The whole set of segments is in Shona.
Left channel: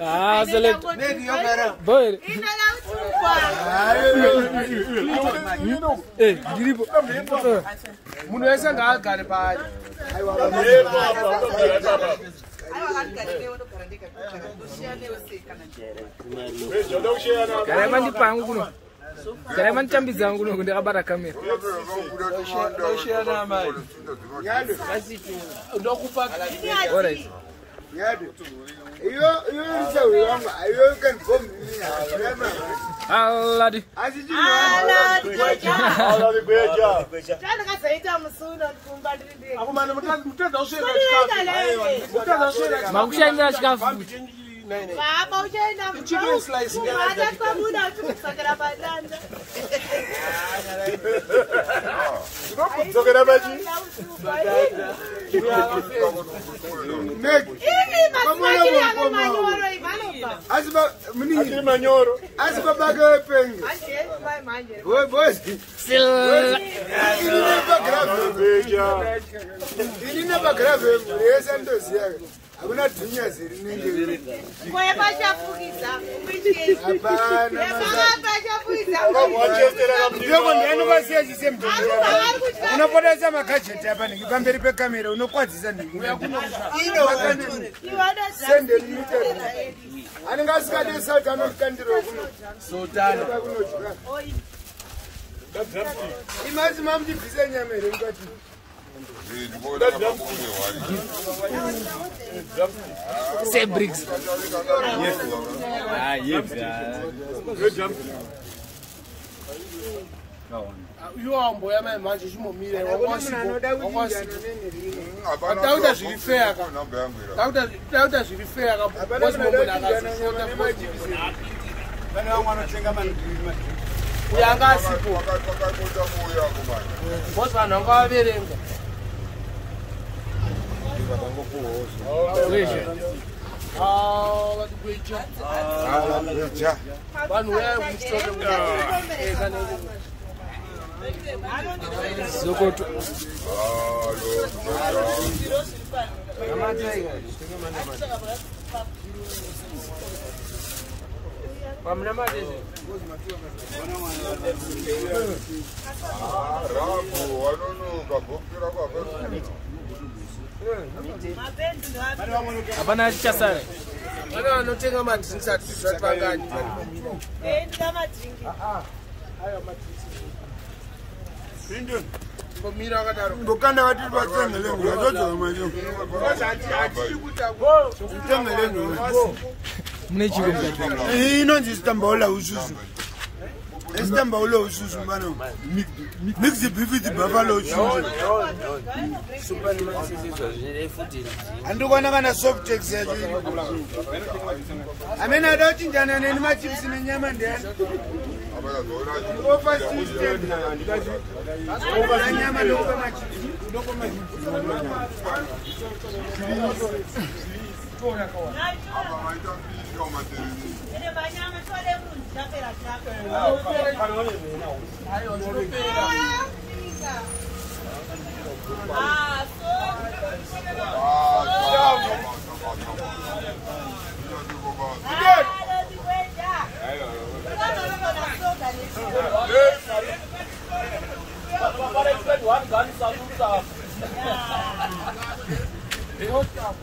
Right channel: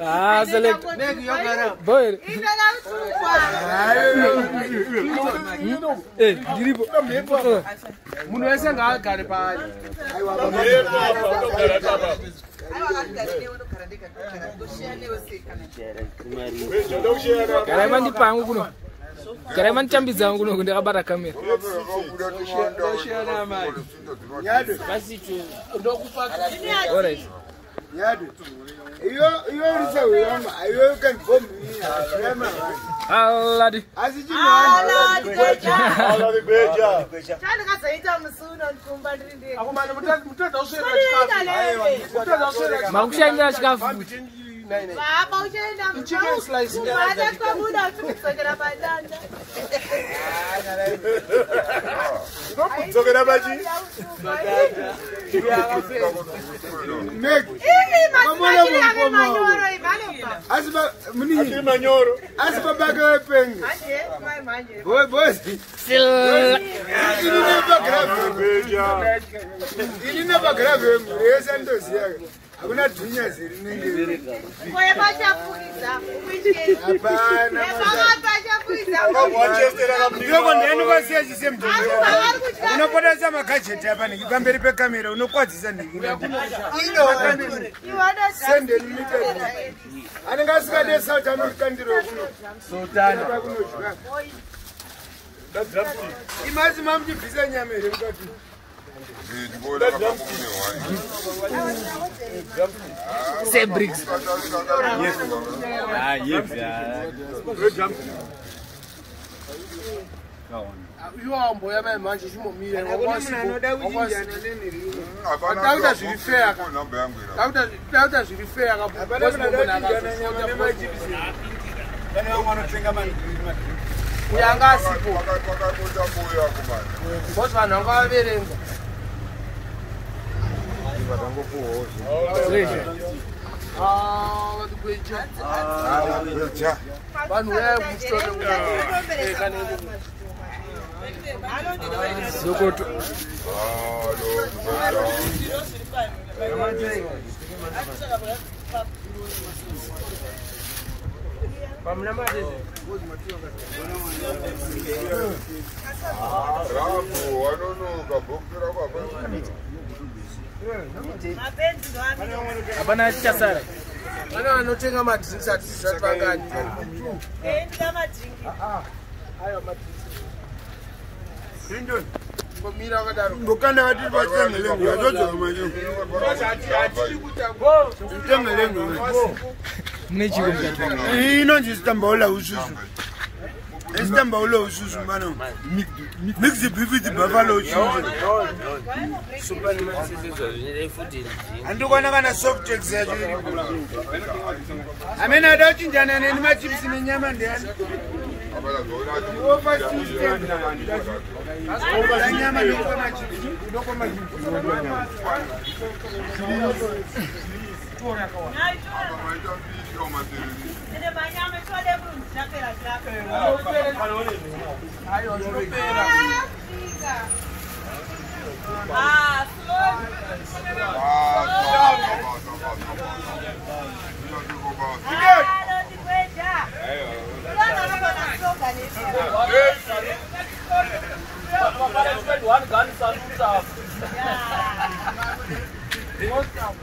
Ah, select. Boy. Eh, diribo. Munaweza ngakale pale. Karaman di pangu kuno. Karaman chambiza kuno kunde kabara kamera. Alright. Aladi. Makushainga chikafu. Chicken slice. Hakuna dunia zirinenge. Kwa bachafukiza, umejeni. Hapana. Bachafukiza. Ndio ndeno basiye chisemto. Unapoteza makacheti hapa nikipamberi pe kamera unokwadzisa ndiki. Send limited. Anengasika de South Americandiro kuno. Sultan. Imazi mamjibisa nyamere mkati. Say bricks. Yes. Ah, yes. You are boy man manje chimomire Dauda zilifea Dauda zilifea bosi mbona Bana wana tenga mani Yanga sipo Wakakuja moyo wako bana Bosi bana ngaberenga Batango po Leisha. Watu kweja kweja Banu wewe mstoke Sokoto. Hapana chasara. Bana wanotenga madrinks ati zvapangani. Ndika madrinks. Hayo madrinks. Hindon. Ngomira kadaro. Ngokanda wati batsengelengo yazozo manje. Ati kuta go. Tsengelengo. Mune chiko mkati. Inonzi sitambaula ususu. Sitambaula ususu bana. Mix the beef with the buffalo cheese. Superman sizizwa zvine food. Andikona kana soft eggs yacho iri. Amena adachinjana neni machips nenyama ndiyani. Nyama ndoko machips. Ndoko machips.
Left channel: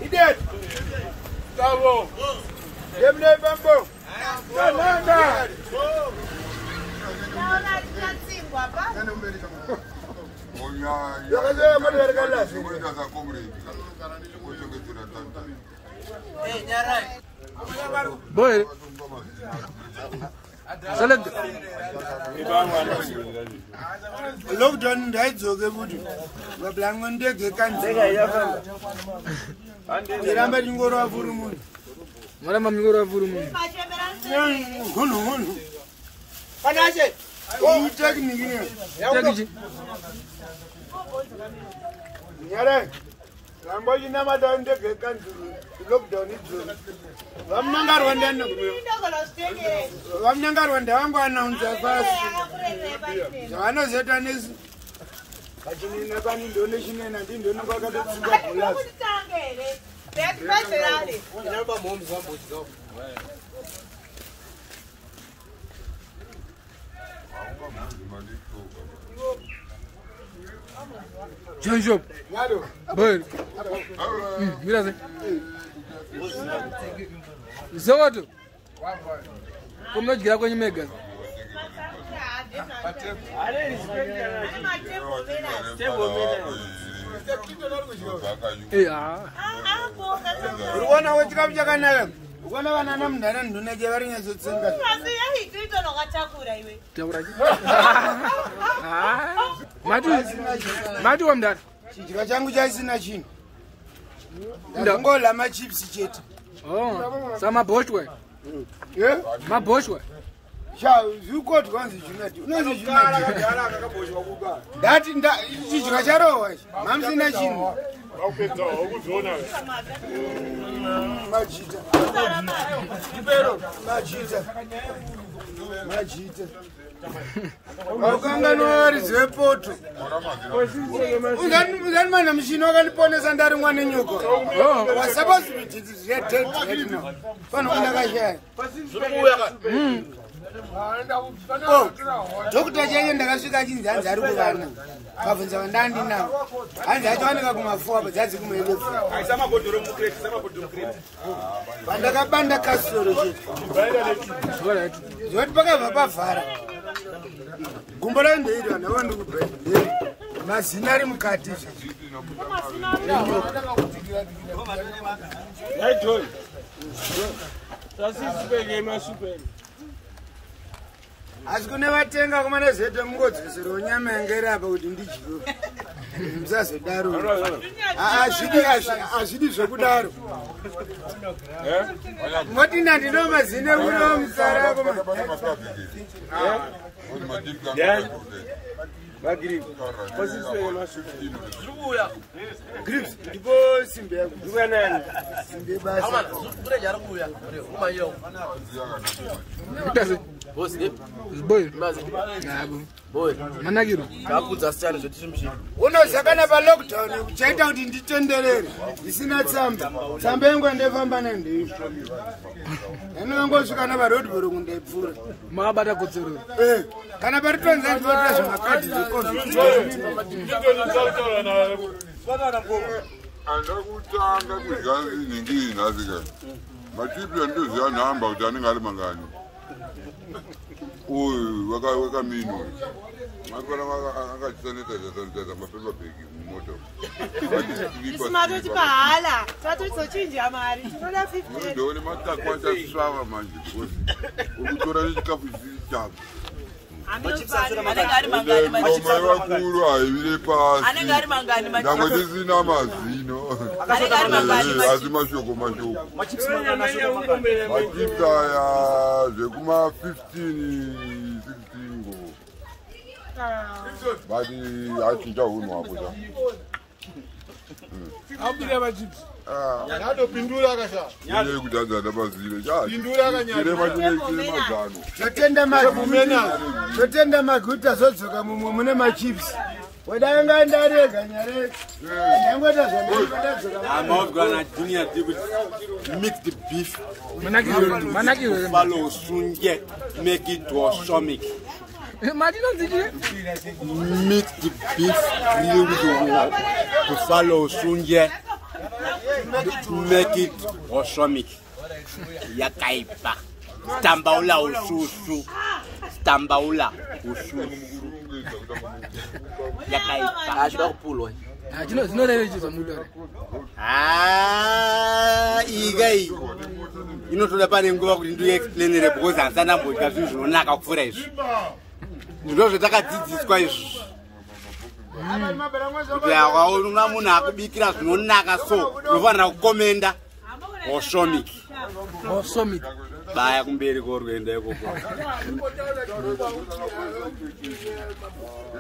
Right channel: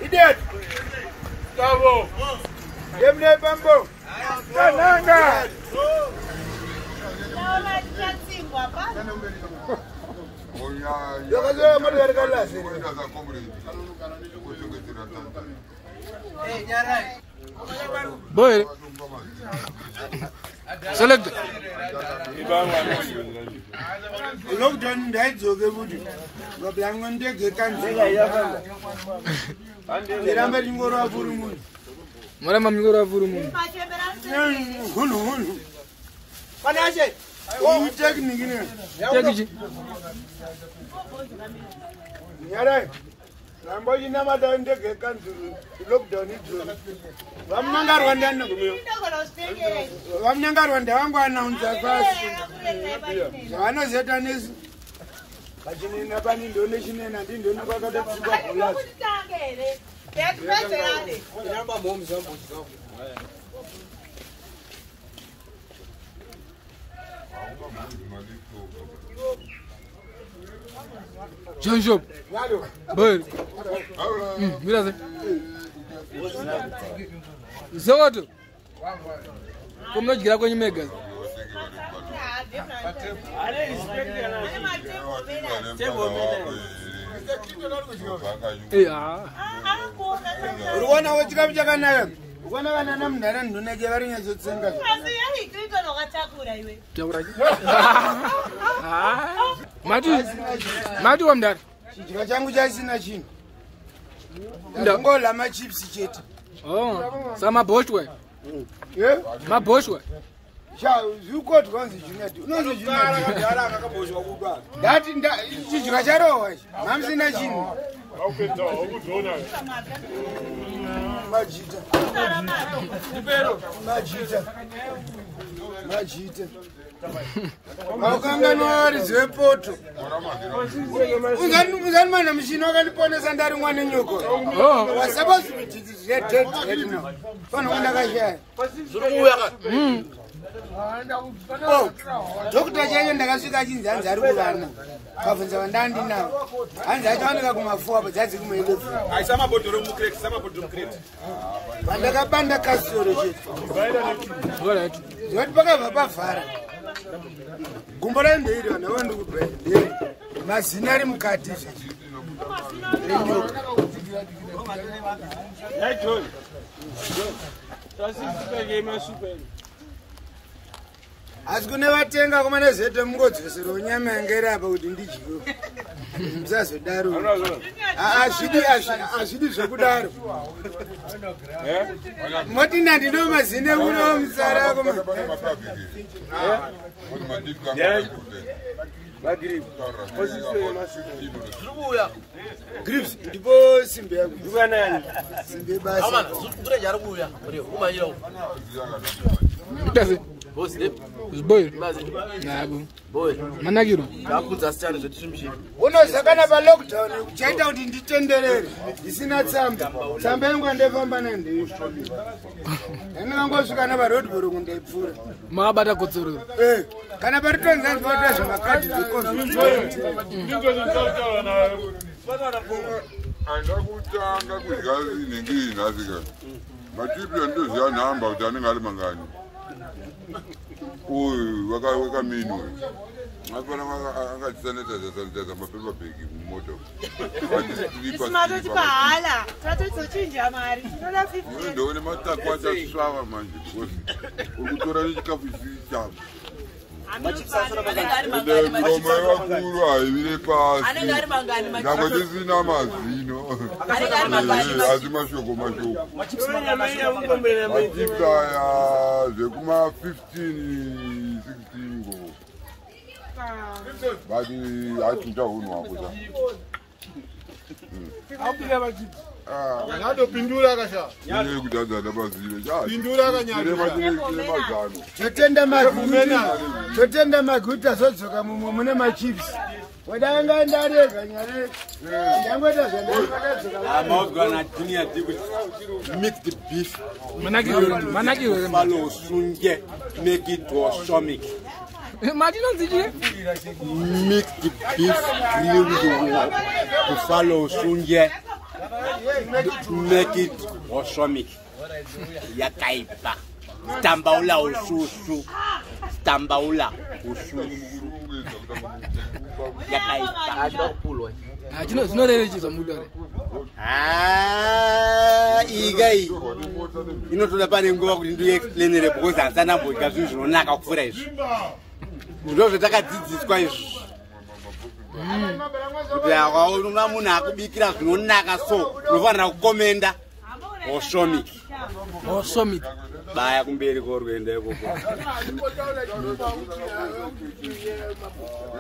Idiot! Bravo! Demne bambo! Kananga! Naona tunatsingwa pa. Boy. Select. Lockdown ndaizoke kuti vablango ndege kanzi iramba ringoro avuri munhu Mora mamigoro avuru munhu. hunhu Panache. itekniki ne Tekiji. nyare rambo chinamata ndege kanzi lockdown idzoni vamunangarwa ndano vamunangarwa ndavangu anaunza fasi zvavanozoita nesi vachinena pani ndone chinena ndindone kwakada kusikwa bholazi John Job. Boy. Mira se. Zoto. Como gira kwenye mega. urikuona wechikapu chakanaka ukona vanana munhara ndonake varinyazotsenga Mati wa mdara. chidya changu chasina chinhu ndangola machips chete Oh, sama boshwe. Maboshwe. zvikoti kwanzi chinati unonzi ndati chidya charohwa mamusina chinhu majita wakanganwa rizepoto uzani mana muchina wakandiponesa ndari mwana nyoko wasapozviiirededno fano kundakashaya dhokita chaiye ndakasvika achinzi hanzi ari kuvana kabvunza vandandinavo hanzi achawanika kumafuwa padzadzi kumaelefu pandakabanda kasoro chete zoti pakabva pavhara gumbo raindeiri vanhu avandikubhedheri mazina ari mukati enyoka asi kune vatenga kumane zete mungodzosero nyama yangeri apa kuti ndidyiwe musazodaro hazvidi zvekudaro moti nandino mazine uno musara ako grips ndipo simbe yako simbe basa Boss, boy. Boy. Managiro. Unosakana pa lockdown uchaita kuti nditenderere isina tsamba tsamba yangu andefamba nandei ndinongosvika na roadblock kundaipfura Makabata kodzero. Kana pari tonza ndinotora zvemakadhi zecovid andakutanga kudya inenge inhasi kana matipi andoziva nhamba kuti anenge ari mangani uyu wakaminu apana akachisanitiza mapepabheki mumoto Isimatoti pahala tatozochinja mari tinoda 50 ndone matakwatasvava manje because ukutora nechikafu chisichavo miromo yevakuru haivire pasi nyangwe tisina mazino asi mashoko machipsi aya zvekuma 15 ngo but achinja hunhu wako sa iye kutanzana mazino maguta zodzoka mumwe mune machips wadanga ndarega nyare ndangweta mixed beef Managiro. follow sunje make it balsamic Madino nzije. mixed beef grilled buffalo sunje make it balsamic yakaipa tambaula ususu Dambaula ushushu yakaipa Zvinorerechedza mulore. igai inotoda pane nguva kuti ndiexplainere because handisana mbodya zvinhu zvinonaka kupfuura izvi ndo zvatakadzidziswa izvi kuti akaona munhu akubikira zvinonaka so unofanira kukomenda Osomit. baya kumberi korwenda ikoko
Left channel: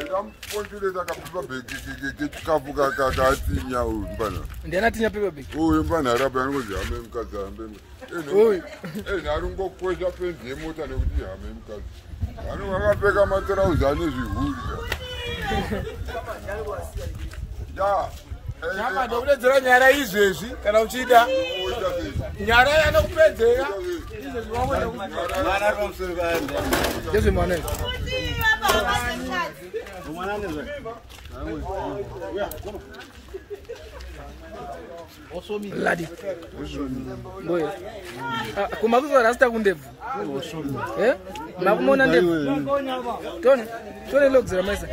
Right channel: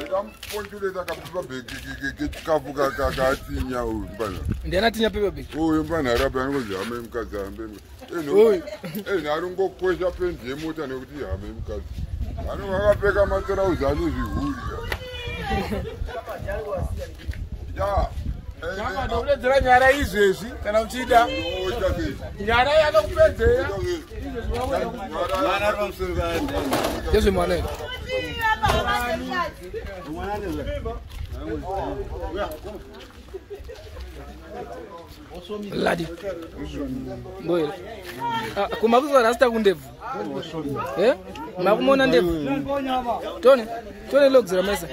ndamuponjureta kapepa bhegi kechikafu kakatsinya uyu mbana Ndiana tinya pepa bhegi. uyu mbana arapa anongozi hame mukadzi hambeni ari ngokosha pendi yemota nekuti hame mukadzi anonge akapfeka matirauzi ane zvihuri ya Ndakudedzera nyara izvezvi kana uchida nyara yanokupedzera Yesu mwana. Ladi. Boy. Kumakuzo rasta kundevu. Makumona ndevu. Tone lokuzira maisa.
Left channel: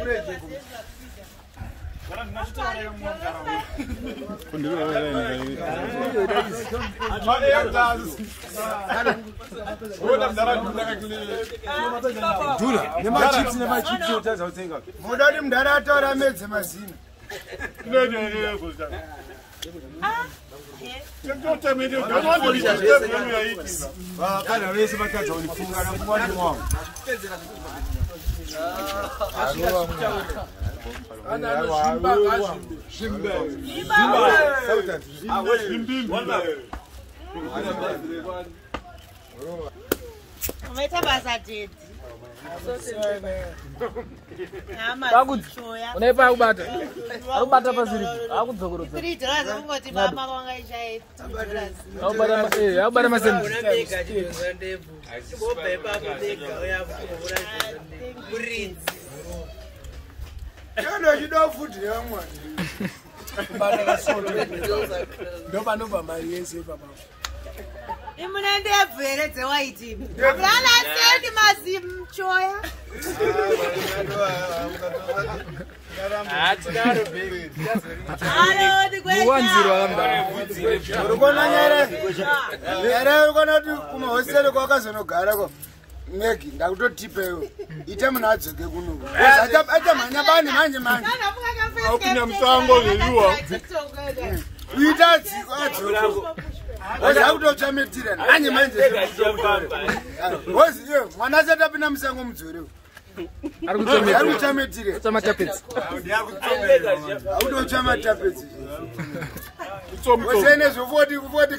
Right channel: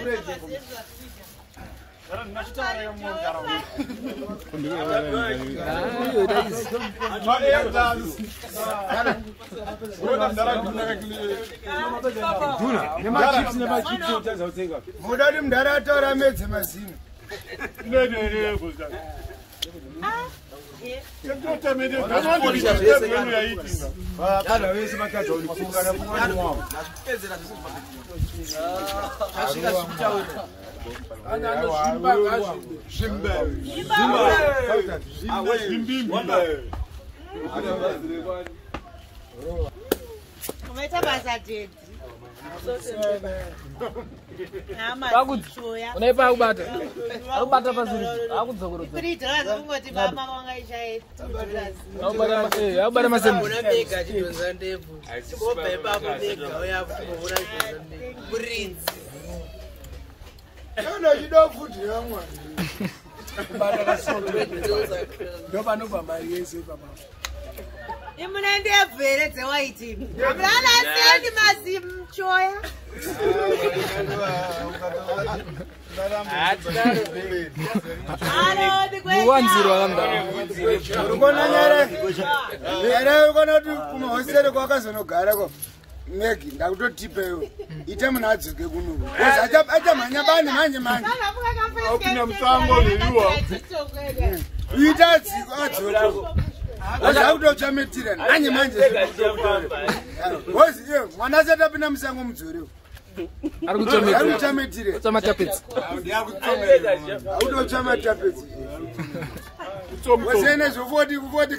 Mudari mudara ataura medze mazino. Unaipa akubata. Akubata pasiri. Akudzokorodza. Akubata masembu. Ndo chidofuti yamwa. Kubata kasoto. Ndo panobva mai yese papa. Imuna ndebveredze waiti. Amrana sendi mazimu choya. Muwanziro akamda. Urikona nyara. Nyara urikona kuti kumahosere kwakazonogara ko. Megi ndakutotipewo. Ite munhu adzoke kuno. Achamhanya bani manje. Akunya musango yeyuwa. Ita dziko adzoko. Wazakutochametira nanye manje wozi mwana asati apinda musango mudzore Ari kuchametire kuchamatapedzi. autochamatapedzi wasene zvofoti kufoti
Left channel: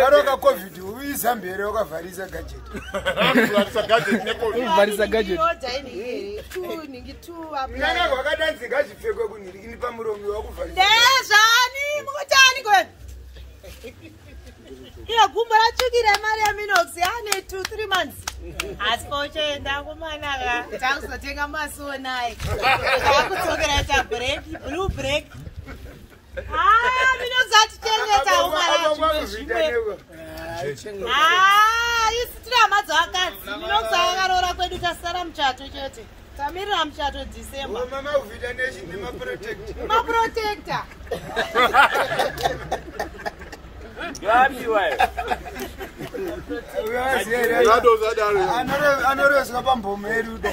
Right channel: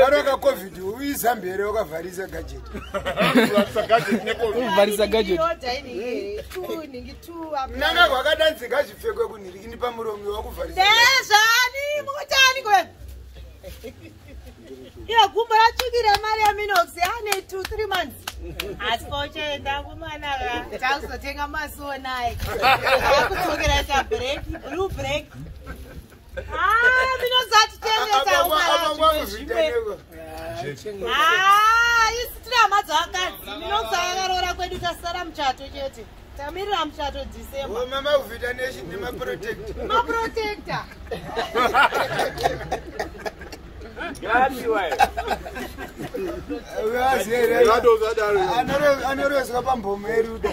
karoka covid uizambere wakavharisa gajeti Kuvharisa gadget. nana kwakadanzika zvipfekwe kunhiri ini pamuromi wakuvharisa Ndezvani mukutani kwenu? Ino gumbo ratsvukira mari yaMinox ane 2-3 months. Asi pochenda kumanaka takuzotenga masonai. Takudzokera chabreak, blue break. Minox atitengesa umara zvimwe. Isi tiri hama dzavakadzi. Minox akaroora kwedu tasara muchato chete. Tamirira muchato December. Mavita nation nemaprotector. Maprotector. Anorezwa pambomo yerudo.